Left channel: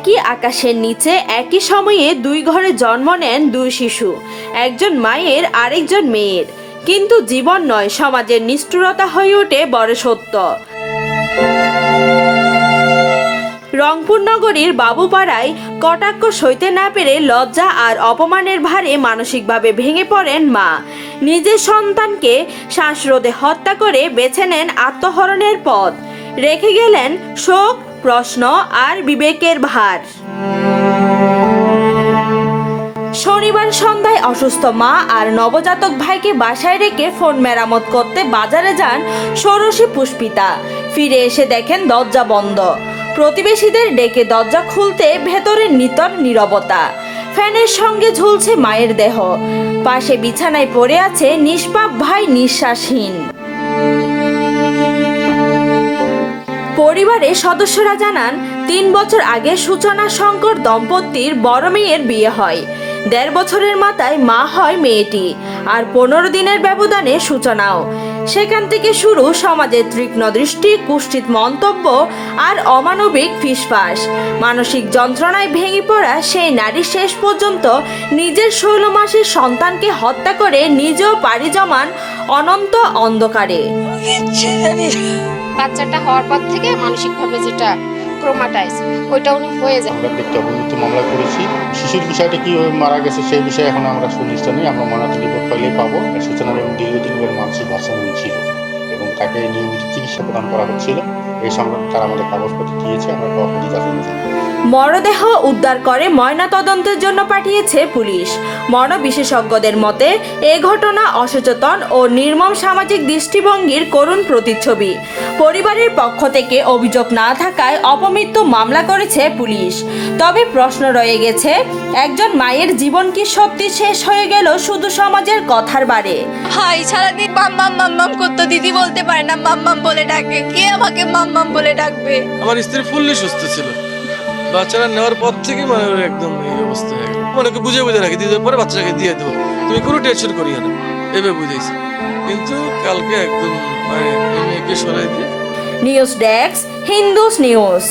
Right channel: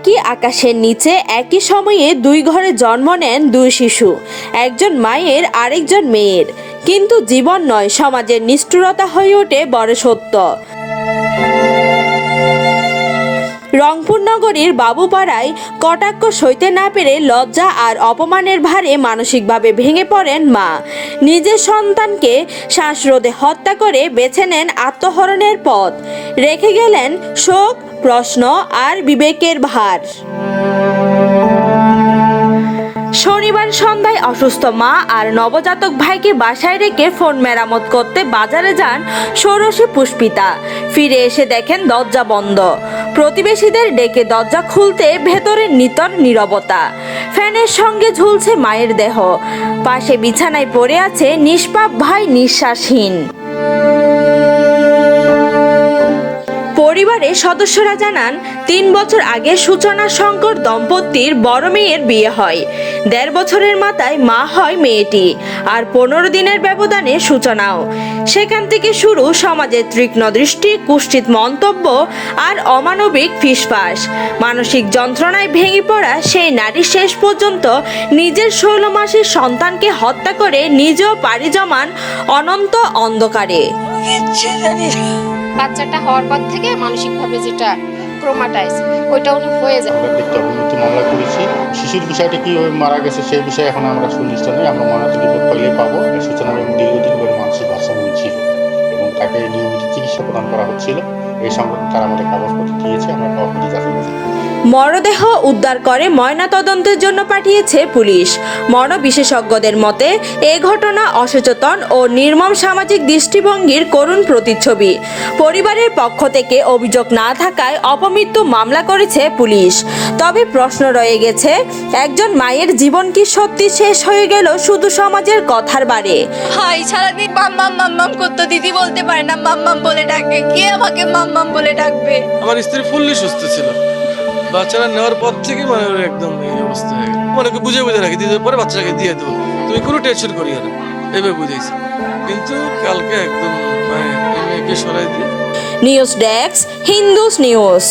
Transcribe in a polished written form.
একই আকাশের নিচে একই সময়ে দুই ঘরে জন্ম নেন দুই শিশু, একজন মায়ের আরেকজন মেয়ের। কিন্তু জীবন নয়, সমাজের নিষ্ঠুরতা হয়ে ওঠে বড় সত্য। রংপুর নগরীর বাবুপাড়ায় কটাক্ষ সইতে না পেরে লজ্জা আর অপমানের ভারে মানসিকভাবে ভেঙে পড়েন মা। নিজের সন্তানকে শ্বাসরোধে হত্যা করে বেছে নেন আত্মহরণের পথ। রেখে গেলেন শোক, প্রশ্ন আর বিবেকের ভার। শনিবার সন্ধ্যায় অসুস্থ মা আর নবজাতক ভাইকে বাসায় রেখে ফোন মেরামত করতে বাজারে যান ষোড়শী পুষ্পিতা। ফিরে এসে দেখেন দরজা বন্ধ। প্রতিবেশীদের ডেকে দরজা খুলতে ভেতরে নিতর নীরবতা। ফ্যানের সঙ্গে ঝুলছে মায়ের দেহ, পাশে বিছানায় পড়ে আছে নিষ্পাপ ভাই নিঃশ্বাসহীন। পরিবারের সদস্যরা জানান, ৩ বছর আগে সূচনা শঙ্কর দম্পতির বড় মেয়ের বিয়ে হয়। ১.৫ বছরের মাথায় মা হয় মেয়েটি, আর ১৫ দিনের ব্যবধানে সূচনাও। সেখান থেকে শুরু সমাজের তীক্ষ্ণ দৃষ্টি, কুৎসিত মন্তব্য আর অমানবিক ফিসফাস। মানসিক যন্ত্রণায় ভেঙে পড়া সেই নারী শেষ পর্যন্ত নিজের ১৬ মাসের সন্তানকে হত্যা করে নিজেও পাড়ি জমান অনন্ত অন্ধকারে। বাচ্চাটা হওয়ার পর থেকে মানসিকভাবে যেটা ক্রোমাটাইজ ওইটা উনি হয়ে যায়। আমরা দেখতে অবমৃত্যু মামলা করেছি। শিশুর বিষয়টা কীভাবে মারা গেছে সেই বিষয়ে এখন আমরা সুনিশ্চিত নই। আমরা ময়নাতদন্ত রিপোর্ট পাইলেই পাবো। সূচনা এবং দীর্ঘদিন ধরে মানসিক ভারসাম্য ছিল এবং তাকে নিয়মিত চিকিৎসা প্রদান করা হচ্ছিল। এই সংক্রান্ত তারা আমাদের কাগজপত্র দিয়েছে, আমরা কাগজপত্র যাচাই করেছি। মরদেহ উদ্ধার করে ময়নাতদন্তের জন্য পাঠিয়েছে পুলিশ। মর্ন বিশেষজ্ঞদের মতে এ ঘটনা অসচেতন ও নির্মম সামাজিক দৃষ্টিভঙ্গির করুণ প্রতিচ্ছবি। পরিবারের পক্ষ থেকে অভিযোগ না থাকায় অপমৃত্যু মামলা করেছে পুলিশ। তবে প্রশ্ন রয়ে গেছে, একজন মায়ের জীবন কি সত্যি শেষ হয়ে গেল শুধু সমাজের কথার বারে? ভাই সারাদিন মাম্মাম মাম্মাম করতো, দিদি বলতে পারে না মাম্মাম বলে ডাকে, কে আমাকে মাম্মাম বলে ডাকবে? আমার স্ত্রী ফুললি সুস্থ ছিল, বাচ্চারা নেওয়ার পর থেকে মানে একদম এই অবস্থা হয়ে গেল। মানে বুঝে রাখি, দিতে পরে বাচ্চাকে দিয়ে দেবো, তুমি কোনো টেনশন করিও না, এভাবে বুঝেছি। কিন্তু কালকে একদম মানে মেয়েকে সরাই দিয়ে। News desk, Hindus news.